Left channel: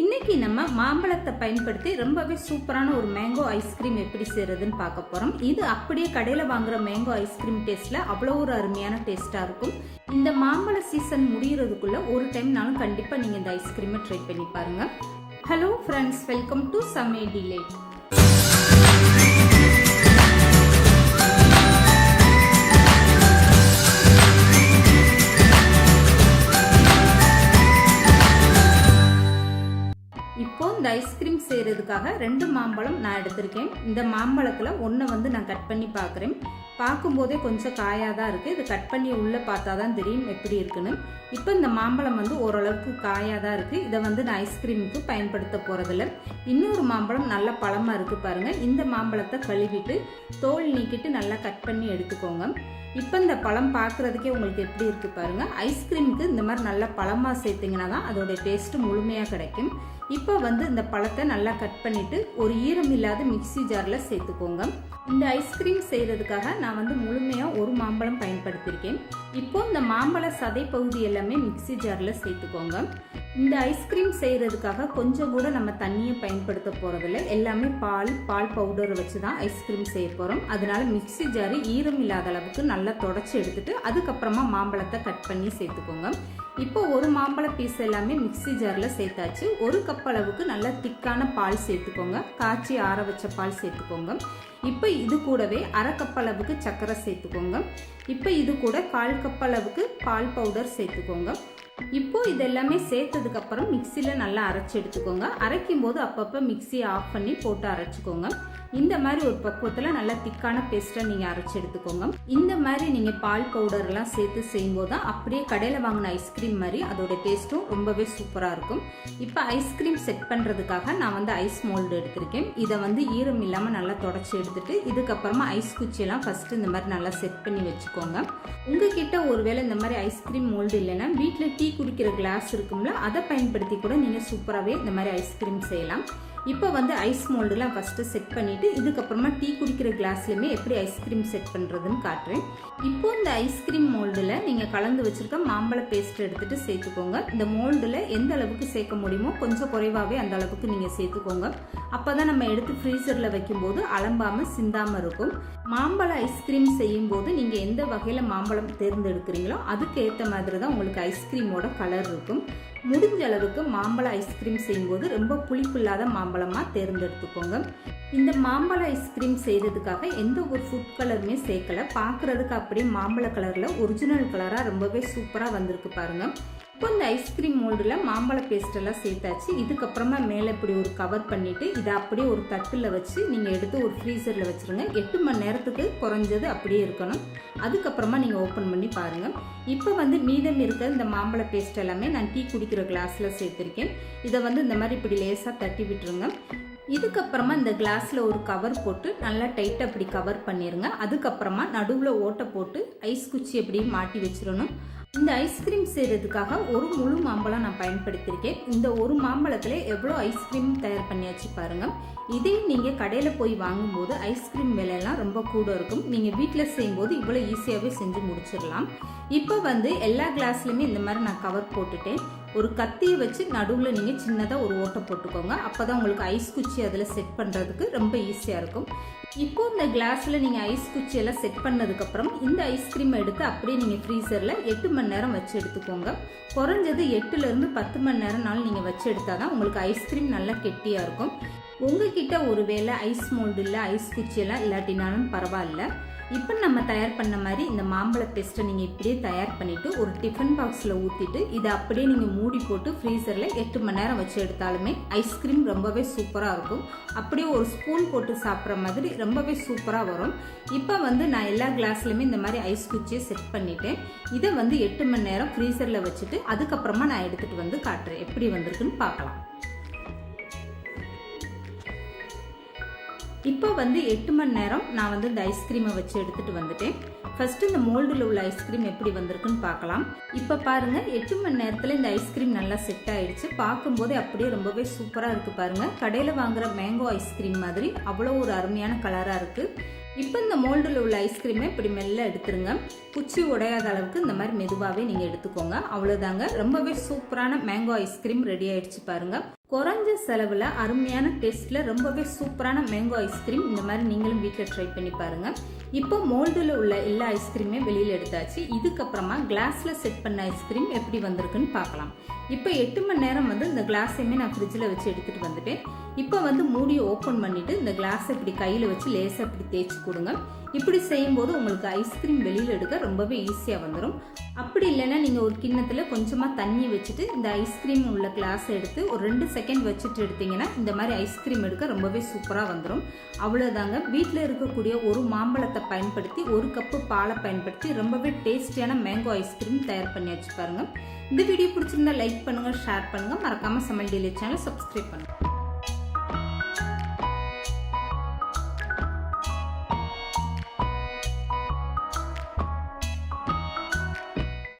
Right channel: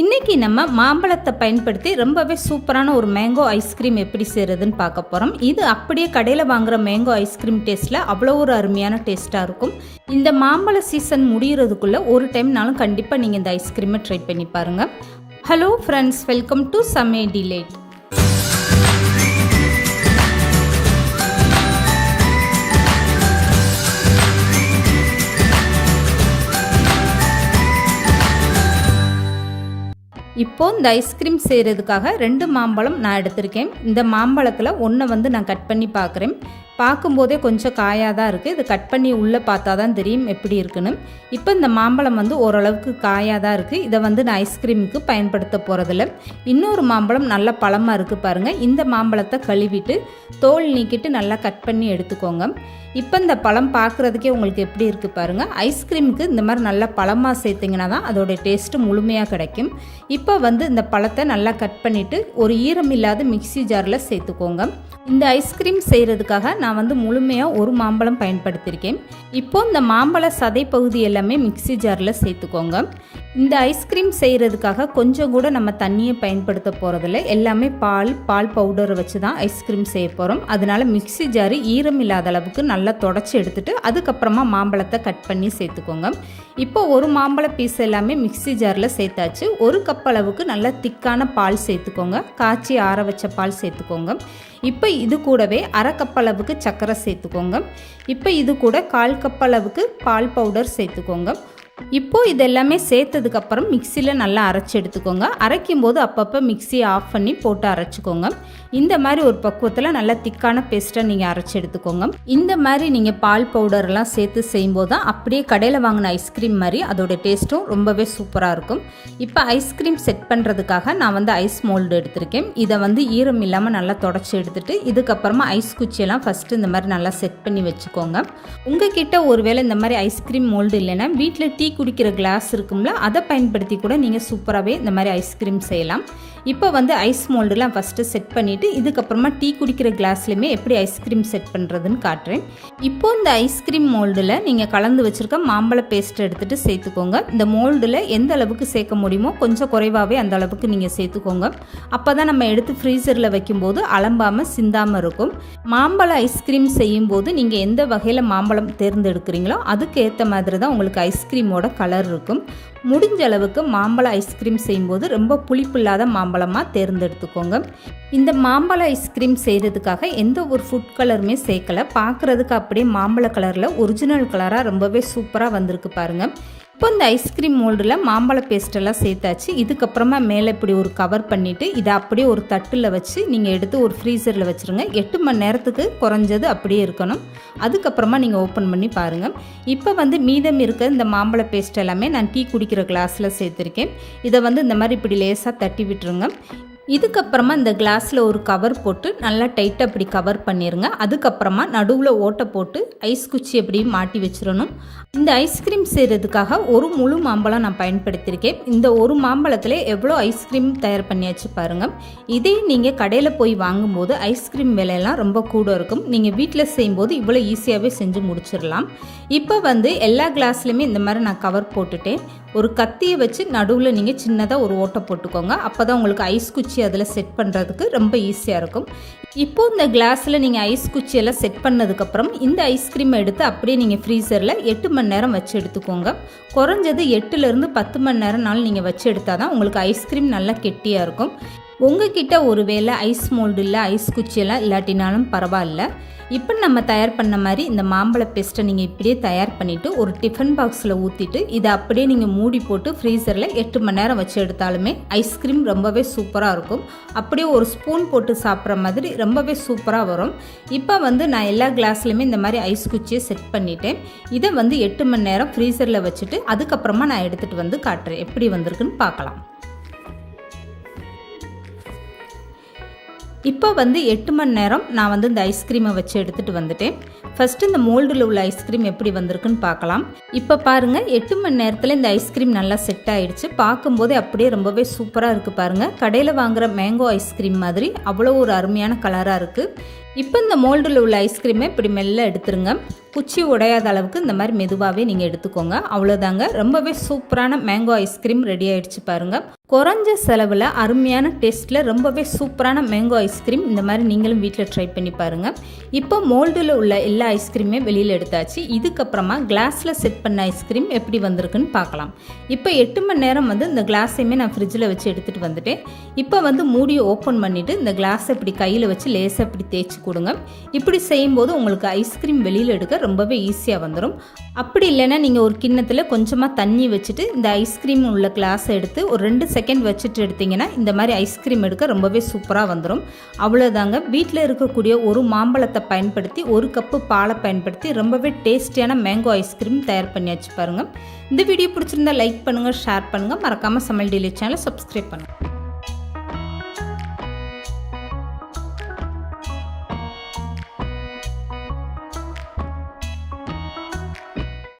இன்றைக்கி நம்ம மாம்பழத்தை பயன்படுத்தி ரொம்பவே சூப்பரான ஒரு மேங்கோ ஐஸ்கிரீம் எப்படி செய்கிறதுன்னு பார்க்க போகிறோம். இது அப்படியே கடையில் வாங்குகிற மேங்கோ ஐஸ்கிரீம் டேஸ்ட்டில் அவ்வளோ ஒரு அருமையான டேஸ்ட்டாக இருக்கும். இந்த மாம்பழ சீசன் முடிகிறதுக்குள்ளே ஒரு டைம்னாலும் கண்டிப்பாக நீங்கள் இந்த ஐஸ்கிரீமை ட்ரை பண்ணி பாருங்கள். ஹலோ ஃப்ரெண்ட்ஸ், வெல்கம் டு சமே டிலேட். இப்போது இந்த ஐஸ்கிரீம் செய்கிறதுக்காக 2 மாம்பழம் நான் எடுத்திருக்கேன். இந்த மாம்பழத்தில் ஒன்றை நான் கட் பண்ணி பார்க்குறேன். பார்க்கும்போதே கொஞ்சம் காயாக தான் இருக்குது. இது கட் பண்ணி உள்ளே பார்த்தா தான் தெரியும் எப்படி இருக்குன்னு. இப்போ இந்த மாம்பழம் ஓரளவுக்கு காயாக தான் இருக்குது. இதை நான் ஐஸ்கிரீமுக்கு பயன்படுத்த போகிறதில்ல. இன்னொரு மாம்பழம் நல்ல பழமாக இருக்குது பாருங்கள். இந்த மாம்பழத்தை கழுவிட்டு தோல் நீக்கிட்டு நல்லா கட் பண்ணி எடுத்துக்கோங்க. இப்போ இந்த பழம் பார்க்குறதுக்கே உங்களுக்கு எப்படி இருக்குது பாருங்கள். ஐஸ்கிரீமுக்கு இந்த மாதிரி நல்லா பழமாக சேர்த்திங்கன்னா தான் அதோடைய டேஸ்ட்டு முழுமையாக கிடைக்கும். இப்போ இந்த பழத்தை நல்லா கட் பண்ணிவிட்டு ஒரு ஈரம் இல்லாத மிக்சி ஜாரில் சேர்த்துக்கோங்க. இந்த ஐஸ்கிரீம் செய்கிறதுக்காக நான் முழுமையாக ஒரு மாம்பழம் பயன்படுத்தியிருக்கேன். இப்போது இந்த மாம்பழ சதை பகுதி எல்லாமே மிக்சி ஜாரில் சேர்த்துக்கோங்க. இந்த ஐஸ்கிரீம் செய்கிறதுக்காக கொஞ்சம் கூட நம்ம தண்ணியை பயன்படுத்த போகிறதில்ல. எல்லாமே பால் பவுடரை வச்சு தான் ஐஸ்கிரீம் செய்ய போகிறோம். அதனால் மிக்சி ஜாரு ஈரம் இல்லாத அளவுக்கு நல்லா தொடச்சி எடுத்துகிட்டு அதுக்கப்புறமா மாம்பழத்தை கட் பண்ணி சேர்த்துக்கோங்க. இப்போ ஒரு மாம்பழ பீஸ் எல்லாமே மிக்சி ஜாரில் சேர்த்தாச்சு. 1 கப் அளவுக்கு நல்லா திக்கான பால் சேர்த்துக்கோங்க. காய்ச்சி ஆற வச்ச பால் சேர்த்துக்கோங்க. இப்போ இது கூடவே 1/2 கப் அளவுக்கு சர்க்கரை சேர்த்துக்கோங்க. இப்போ இது கூட 1/4 கப் அளவுக்கு பால் பவுடர் சேர்த்துக்கோங்க. இப்போது இதெல்லாமே சேர்த்ததுக்கப்புறம் மிக்சியில் நல்லா அரைச்சி எடுத்துக்கோங்க. அரைக்கும் போது அப்பப்போ மிக்சியை ஆஃப் பண்ணி போட்டு அரைச்சிக்கோங்க. இந்த மாதிரி ஒரு பக்குவத்தில் நல்லா திக்கான பேஸ்ட்டை நீங்கள் அரைச்சி எடுத்துக்கோங்க. இந்த மாதிரி நீங்கள் பால் பவுடர்லாம் சேர்த்து செய்யும்போது தான் அப்படியே கடையில் வாங்கின ஐஸ்கிரீம் மாதிரி அதோடைய டேஸ்ட்டும் ரொம்பவே சூப்பராக இருக்கும். இப்போ ஐஸ்கிரீம் செட் பண்ணுறதுக்காக நான் ஐஸ் மோல்டு எடுத்திருக்கேன். இதை ஈரம் இல்லாமல் நல்லா தொடச்சி எடுத்துகிட்டு இதுக்கப்புறமா ஐஸ் குச்சியெல்லாம் ஃபஸ்ட்டு இந்த மாதிரி நல்லா செட் பண்ணி வச்சுக்கோங்க. உங்ககிட்ட ஒருவேளை இந்த மாதிரி ஐஸ்கிரீம் மோல்டு இல்லைன்னா வீட்டில் டீ குடிக்கிற கிளாஸ் இருக்கும்ல, அதை பயன்படுத்தி கூட நீங்கள் சூப்பராகவே இந்த மாதிரி ஐஸ்கிரீம் செய்யலாம். இப்போ ஐஸ் மோல்டுலாம் ஃபஸ்ட்டு செட் பண்ணிவிட்டு இதுக்கப்புறமா டீ குடிக்கிற கிளாஸ்லையுமே எப்படி ஐஸ்கிரீம் செட் பண்ணுறதுன்னு காட்டுறேன். இப்போது இந்த ஐஸ்கிரீம் மோல்டில் நீங்கள் கலந்து வச்சுருக்க மாம்பழ பேஸ்ட் எடுத்துகிட்டு சேர்த்துக்கோங்க. இந்த மோல்டில் எந்த அளவுக்கு சேர்க்க முடியுமோ கொஞ்சம் குறைவாகவே அந்த அளவுக்கு நீங்கள் சேர்த்துக்கோங்க. அப்போ தான் நம்ம எடுத்து ஃப்ரீசரில் வைக்கும்போது அலம்பாமல் சிந்தாமல் இருக்கும். மாம்பழ ஐஸ்கிரீம் செய்யும்போது நீங்கள் எந்த வகையில் மாம்பழம் தேர்ந்தெடுக்கிறீங்களோ அதுக்கு ஏற்ற மாதிரி தான் உங்களுக்கு ஐஸ்கிரீமோட கலர் இருக்கும். முடிஞ்ச அளவுக்கு மாம்பழ ஐஸ்கிரீம் செய்யும்போது ரொம்ப புளிப்பு இல்லாத மாம்பழமாக தேர்ந்தெடுத்துக்கோங்க. இந்த மாம்பழ ஐஸ்கிரீம் செய்கிறதுக்காக எந்த ஒரு ஃபுட் கலருமே சேர்க்கலை. பார்க்குறதுக்கு அப்படியே மாம்பழ கலரில் ஒரிஜினல் கலராக ரொம்பவே சூப்பராக வந்திருக்கு பாருங்கள். இப்போ இந்த ஐஸ்கிரீம் மோல்டில் மாம்பழ பேஸ்ட்டெல்லாம் சேர்த்தாச்சு. இதுக்கப்புறமா மேலே இப்படி ஒரு கவர் பண்ணிவிட்டு இதை அப்படியே ஒரு தட்டில் வச்சு நீங்கள் எடுத்து ஒரு ஃப்ரீசரில் வச்சுருங்க. 8 மணி நேரத்துக்கு குறைஞ்சது அப்படியே இருக்கணும். அதுக்கப்புறமா நீங்கள் ஓப்பன் பண்ணி பாருங்கள். இப்போ மீதம் இருக்க இந்த மாம்பழ பேஸ்ட் எல்லாமே நான் டீ குடிக்கிற கிளாஸில் சேர்த்துருக்கேன். இதை இந்த மாதிரி இப்படி லேசாக தட்டி விட்டுருங்க. இதுக்கப்புறமா இந்த கிளாஸில் ஒரு கவர் போட்டு நல்லா டைட்டாக அப்படி கவர் பண்ணிடுங்க. அதுக்கப்புறமா நடுவில் ஓட்டை போட்டு ஐஸ் குச்சி எப்படி மாட்டி வச்சிடணும். இந்த ஐஸ்கிரீம் செய்கிறதுக்காக ஒரு முழு மாம்பழம் நான் பயன்படுத்தியிருக்கேன். இந்த ஒரு மாம்பழத்தில் எவ்வளோ ஐஸ்கிரீம் தயார் பண்ணியாச்சு பாருங்கள். இதே நீங்கள் கடையில் போய் வாங்கும்போது ஐஸ்கிரீம் விலையெல்லாம் ரொம்ப கூட இருக்கும். நீங்கள் வீட்டில் செய்யும்போது இவ்வளோ ஈஸியாகவே செஞ்சு முடிச்சிடலாம். இப்போ எல்லா கிளாஸ்லையுமே இந்த மாதிரி நான் கவர் போட்டுட்டேன். ஒரு கத்தியை வச்சு நடுவில் நீங்கள் சின்னதாக ஒரு ஓட்டை போட்டுக்கோங்க. அப்போ தான் உங்களுக்கு ஐஸ் குச்சி அதில் செட் பண்ணுறதுக்கு ரொம்ப ஈஸியாக இருக்கும். இப்போது இந்த கிளாஸில் நீங்கள் ஐஸ் குச்சியெல்லாம் செட் பண்ணதுக்கப்புறம் இந்த ஐஸ்கிரீமை எடுத்து அப்படியே நீங்கள் ஃப்ரீசரில் 8 மணி நேரம் வச்சு எடுத்துக்கோங்க. குறைஞ்சது 8லேருந்து 10 மணி நேரம்னாலும் நீங்கள் வச்சு எடுத்தால் தான் உங்களுக்கு ஐஸ்கிரீம் நல்லா கெட்டியாக இருக்கும். உங்ககிட்ட ஒரு வேளை ஐஸ் மோல்டு இல்லை ஐஸ் குச்சியெல்லாம் இல்லாட்டினாலும் பரவாயில்ல. இப்போ நம்ம தயார் பண்ண மாதிரி இந்த மாம்பழ பேஸ்ட்டை நீங்கள் இப்படியே தயார் பண்ணிவிட்டு ஒரு டிஃபன் பாக்ஸில் ஊற்றிட்டு இதை அப்படியே நீங்கள் மூடி போட்டு ஃப்ரீசரில் 8 மணி நேரம் வச்சு எடுத்தாலுமே ஐஸ்கிரீம் ரொம்பவே சூப்பராக இருக்கும். அப்படியே ஒரு ஸ்பூன் போட்டு சாப்பிட்ற மாதிரி ரொம்பவே சூப்பராக வரும். இப்போ நான் எல்லா கிளாஸ்லையுமே இந்த மாதிரி ஐஸ் குச்சியை செட் பண்ணிவிட்டேன். இதை 8 மணி நேரம் ஃப்ரீசரில் வச்சுட்டு அதுக்கப்புறமா நான் எடுத்துகிட்டு காட்டுறேன் எப்படி வந்திருக்குன்னு பார்க்கலாம். இப்போ 8 மணி நேரம் நான் இந்த ஐஸ்கிரீமை வச்சு எடுத்துகிட்டு வந்துட்டேன். ஃபஸ்ட்டு இந்த மோல்டில் உள்ள ஐஸ்கிரீம் எப்படி வந்திருக்குன்னு பார்க்கலாம். இப்போ பாருங்கள், 8 மணி நேரத்தில் இந்த ஐஸ்கிரீம் நல்லா செட் ஆகிடுச்சு. பார்க்கும்போதே அப்படியே ரொம்பவே சூப்பராக இருக்குது பாருங்கள். கடையில் வாங்குகிற மேங்கோ ஐஸ்கிரீம் மாதிரி அவ்வளோ ஒரு அருமையான கலராக இருக்குது. இப்போ இந்த மோல்டில் உள்ள ஐஸ்கிரீமை இப்படி மெல்ல எடுத்துருங்க. குச்சி உடையாத அளவுக்கு இந்த மாதிரி மெதுவாகவே நீங்கள் எடுத்துக்கோங்க. அவ்வளோதாங்க, ரொம்பவே சூப்பரான மேங்கோ ஐஸ்கிரீம் ரெடி ஆகிடுச்சு பாருங்கள். குறைஞ்ச செலவில் அருமையான டேஸ்ட்டில் ரொம்பவே சூப்பரான மேங்கோ ஐஸ்கிரீம் இந்த மாதிரி நீங்களும் வீட்டில் ட்ரை பண்ணி பாருங்கள். இப்போ மோல்டில் உள்ள எல்லா ஐஸ்கிரீமே வெளியில் எடுத்தாச்சு. இதுக்கப்புறமா கிளாஸில் செட் பண்ண ஐஸ்கிரீம் எப்படி வந்திருக்குன்னு பார்க்கலாம். இப்போ 8 மணி நேரம் இந்த கிளாஸையுமே நான் ஃப்ரிட்ஜில் வச்சு எடுத்துகிட்டு வந்துட்டேன். இப்போ மூடியை ஓப்பன் பண்ணிவிட்டு இந்த கிளாஸை இப்படி கையில் வச்சு லேசாக இப்படி தேய்ச்சி கொடுங்க. இப்படி செய்யும்போது உங்களுக்கு ஐஸ்கிரீம் வெளியில் எடுக்க ரொம்பவே ஈஸியாக வந்துடும். அப்படி இல்லைன்னா நீங்கள் ஒரு கிண்ணத்தில் கொஞ்சமாக தண்ணி வச்சுட்டு இந்த ஐஸ்கிரீம் உள்ள கிளாஸை எடுத்து ஒரு 2 செகண்ட் வச்சுட்டு எடுத்திங்கன்னா இந்த மாதிரி ஐஸ்கிரீம் எடுக்க ரொம்பவே சூப்பராக வந்துடும். அவ்வளோதாங்க. வீட்டில் இருக்கக்கூடிய ஒரு மாம்பழத்தை பயன்படுத்தி 1 கப்பு பாலை பயன்படுத்தி ரொம்பவே டேஸ்டியான மேங்கோ ஐஸ்கிரீம் தயார் பண்ணியாச்சு பாருங்கள். இந்த வீடியோ பிடிச்சிருந்தா லைக் பண்ணுங்கள், ஷேர் பண்ணுங்கள், மறக்காமல் சமையல் டெய்லி சேனலை சப்ஸ்கிரைப் பண்ணுங்கள்.